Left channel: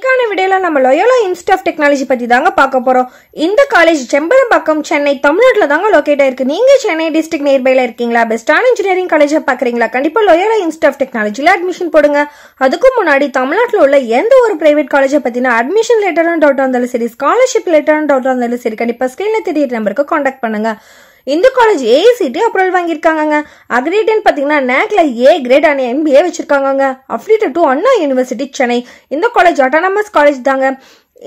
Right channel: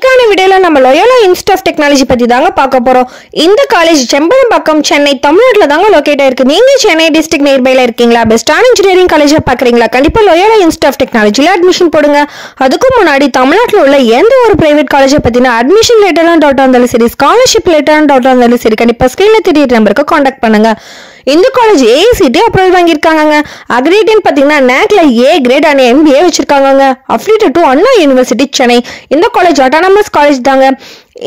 இந்த வீடியோல நம்ம லோயோலா இன்ஸ்டிடியூட் ஆஃப் டெக்னாலஜி பத்தி தாங்க பார்க்க போறோம். இந்த காலேஜ் செம்பரம்பாக்கம் சென்னை தமிழ்நாட்டுல தாங்க லொகேட் ஆயிருக்கு. நீங்க சென்னை டிஸ்ட்ரிக்ட் நியர்பைல இருக்கீங்களா? பெஸ்டான இன்ஜினியரிங் காலேஜா பாக்குறீங்களா? கண்டிப்பா லோயோலா இன்ஸ்டிடியூட் ஆஃப் டெக்னாலஜில அட்மிஷன் போடுங்க. அதுக்கு முன்னாடி தமிழ்நாட்டுல உள்ள எந்த ஒரு பிரைவேட் காலேஜை பத்தின அட்மிஷன் லேட்டரான டவுட் இருந்தாலும் சரி, ஸ்காலர்ஷிப் லேட்டரான டவுட் இருந்தாலும் சரி, கண்டிப்பா ஸ்கிரீன்ல தெரியுற நம்பருக்கு கான்டாக்ட் பண்ணுங்க. இந்த காலேஜ் ஏஐசிடி அப்ரூவல் வாங்கியிருக்காங்க. அக்ரிடேட் பார்த்தீங்கன்னா நேக்ல ஏ கிரேட் அண்ட் MBA வச்சிருக்காங்க. Affiliated to Anna university Chennai. இந்த காலேஜ் ஆட்டோனமஸ் காலேஜ் தாங்க.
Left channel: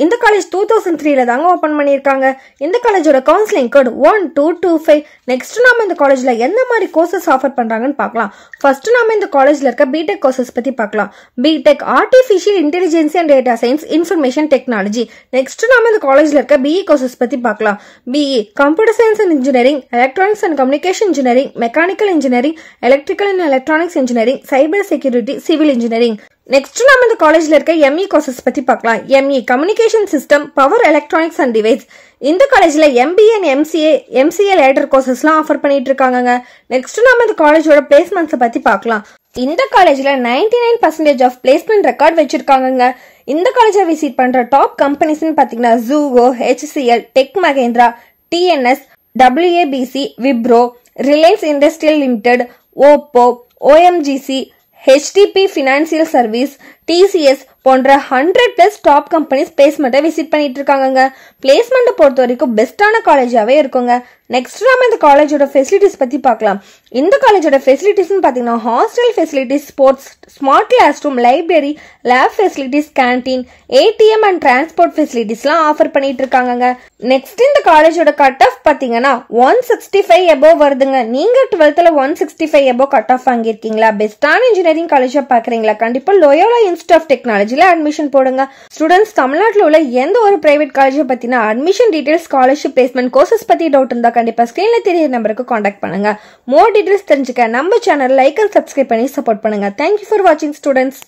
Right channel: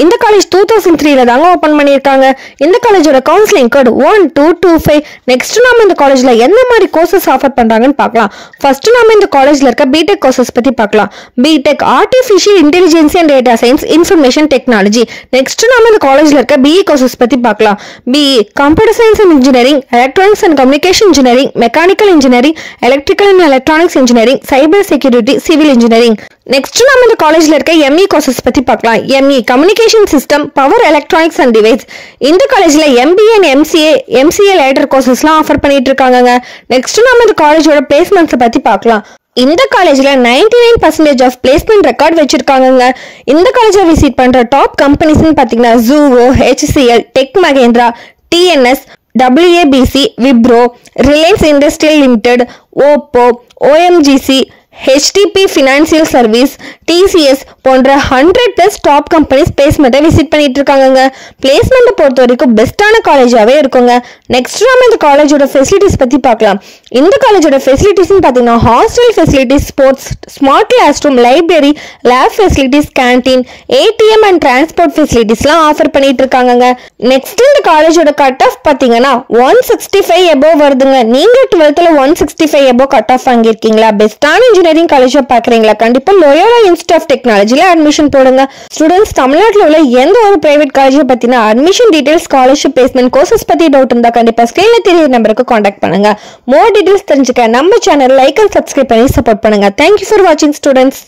இந்த காலேஜ் 2003 தாங்க ஓப்பன் பண்ணியிருக்காங்க. இந்த காலேஜோட கவுன்சிலிங் கோட் 1225. நெக்ஸ்ட் நாம இந்த காலேஜ்ல எந்த மாதிரி கோர்சஸ் ஆஃபர் பண்றாங்கன்னு பார்க்கலாம். ஃபர்ஸ்ட் நாம இந்த காலேஜ்ல இருக்க பிடெக் கோர்சஸ் பத்தி பார்க்கலாம். B Tech artificial intelligence and data science information technology. Next நாம இந்த காலேஜ்ல இருக்க பிஇ கோர்சஸ் பத்தி பார்க்கலாம். BE computer science and engineering, electronics and communication engineering, mechanical engineering, electrical and electronics engineering, cyber security, civil engineering. Next நம்ம இந்த காலேஜ்ல இருக்க எம்இ கோர்சஸ் பத்தி பார்க்கலாம். ME communication system, power electronics and device. இந்த காலேஜ்ல MBA அண்ட் MCA லேட்டர் கோர்சஸ்லாம் offer பண்ணிட்டு இருக்காங்க. நெக்ஸ்ட் நம்ம இந்த காலேஜோட பிளேஸ்மெண்ட்ஸ் பத்தி பார்க்கலாம். இந்த காலேஜ்ல 99% ஆஃப் பிளேஸ்மெண்ட் ரெக்கார்ட் வச்சிருக்காங்க. இந்த காலேஜை விசிட் பண்ற டாப் கம்பெனிஸ்னு பாத்தீங்கன்னா ஜூவோ, HCL, tech Mahindra, TNS, WABC, Wipro, Reliance industrial limited, Oppo, OMGC, HDP financial service, TCS போன்ற 100+ டாப் கம்பெனிஸ் பிளேஸ்மெண்ட்டை விசிட் பண்ணிட்டு இருக்காங்க. பிளேஸ்மெண்ட் பொறுத்த வரைக்கும் பெஸ்டான காலேஜாவே இருக்குங்க. நெக்ஸ்ட் நம்ம இந்த காலேஜோட ஃபெசிலிட்டிஸ் பத்தி பார்க்கலாம். இந்த காலேஜோட ஃபெசிலிட்டிஸ்னு பார்த்தீங்கன்னா hostel facilities, sports, smart class room, library, lab facilities, canteen, ATM and transport ஃபெசிலிட்டிஸ்லாம் ஆஃபர் பண்ணிட்டு இருக்காங்க. நெக்ஸ்ட் இந்த காலேஜோட கட் ஆஃப் பார்த்தீங்கன்னா 165 எபோவ் வருதுங்க. நீங்க 12th 165 எபோவ் கட் ஆஃப் வாங்கியிருக்கீங்களா? பெஸ்டான இன்ஜினியரிங் காலேஜா பாக்குறீங்களா? கண்டிப்பா லோயோலா இன்ஸ்டிடியூட் ஆஃப் டெக்னாலஜில அட்மிஷன் போடுங்க. ஸ்டூடெண்ட்ஸ் தமிழ்நாட்டில் உள்ள எந்த ஒரு பிரைவேட் காலேஜை பத்தின admission details, scholarship, placement, courses பத்தி டவுட் இருந்தா கண்டிப்பா ஸ்கிரீன்ல தெரியுற நம்பருக்கு கான்டாக்ட் பண்ணுங்க. மோர் டீடைல்ஸ் தெரிஞ்சுக்க நம்ம சேனல் லைக் அண்ட் சப்ஸ்கிரைப் பண்ணி சப்போர்ட் பண்ணுங்க. தேங்க்யூ ஃபார் வாட்சிங் ஸ்டூடெண்ட்ஸ்.